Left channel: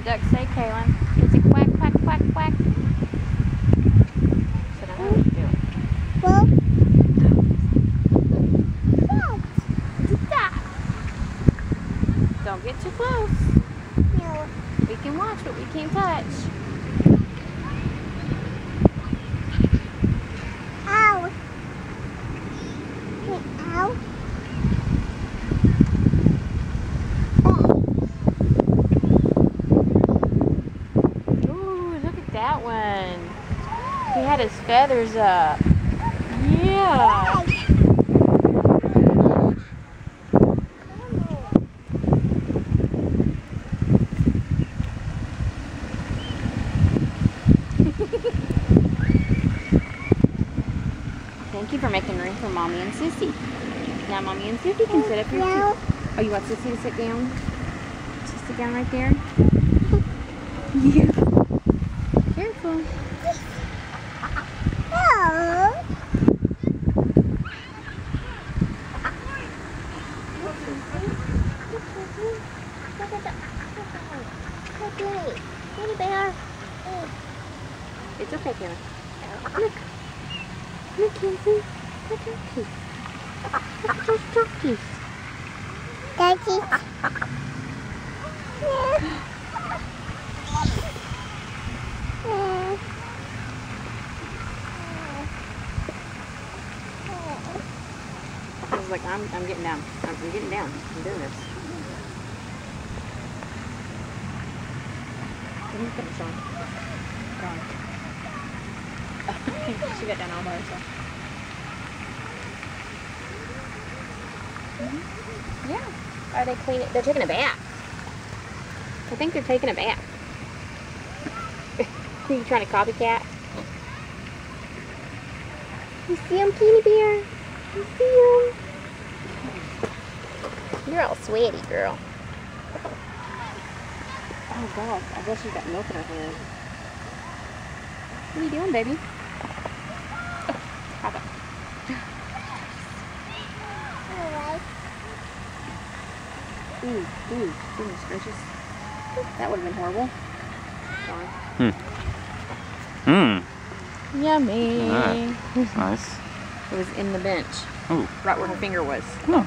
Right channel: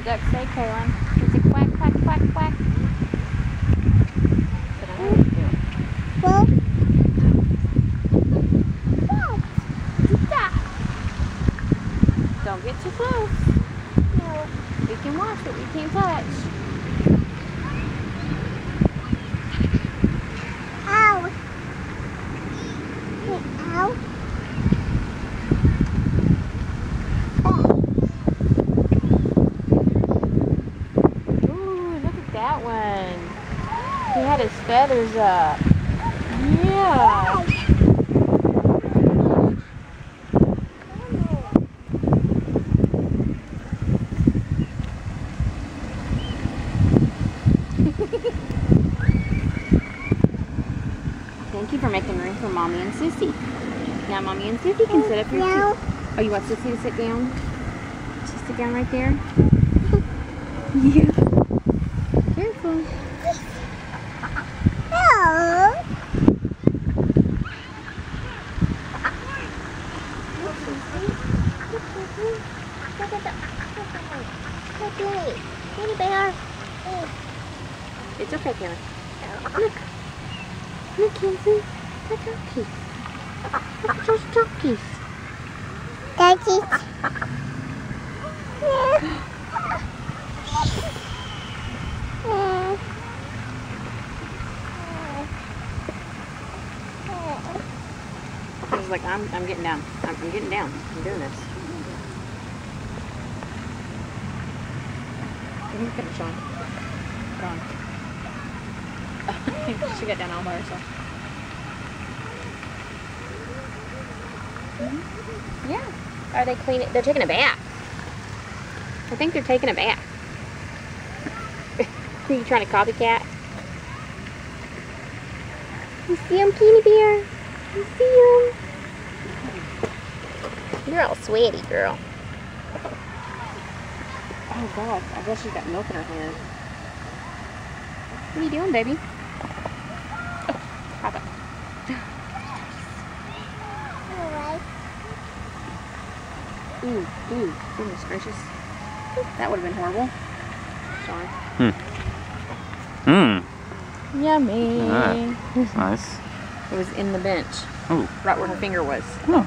the duck say, Kaylin? It's a quack, quack, quack, quack. But I know what to do. Well, What's that? Don't get too close. no. We can watch, but we can't touch. Ow. Ow. Ooh, look at that one. He had his feathers up. Yeah. Thank you for making room for Mommy and Sissy. Now Mommy and Sissy can sit up here too. Oh, you want Sissy to sit down? Just sit down right there? Yeah. Careful. Hello. Teddy bear. It's okay, Kaylin. Look. Look, Kenzie. Look at those Look at those turkeys. Daddy. I was like, I'm getting down. I'm getting down. I'm doing this. Let me finish on. Go on. She got down all by herself. Yeah. Are they cleaning? They're taking a bath. I think they're taking a bath. Are you trying to copycat? You see him, Kitty Bear? You see him? You're all sweaty, girl. Oh, God. I guess she's got milk in her hand. What are you doing, baby? Oh, hop up. Ooh, goodness gracious. That would have been horrible. Sorry. Yummy. All right. Nice. It was in the bench. Ooh. Right where her finger was. Oh.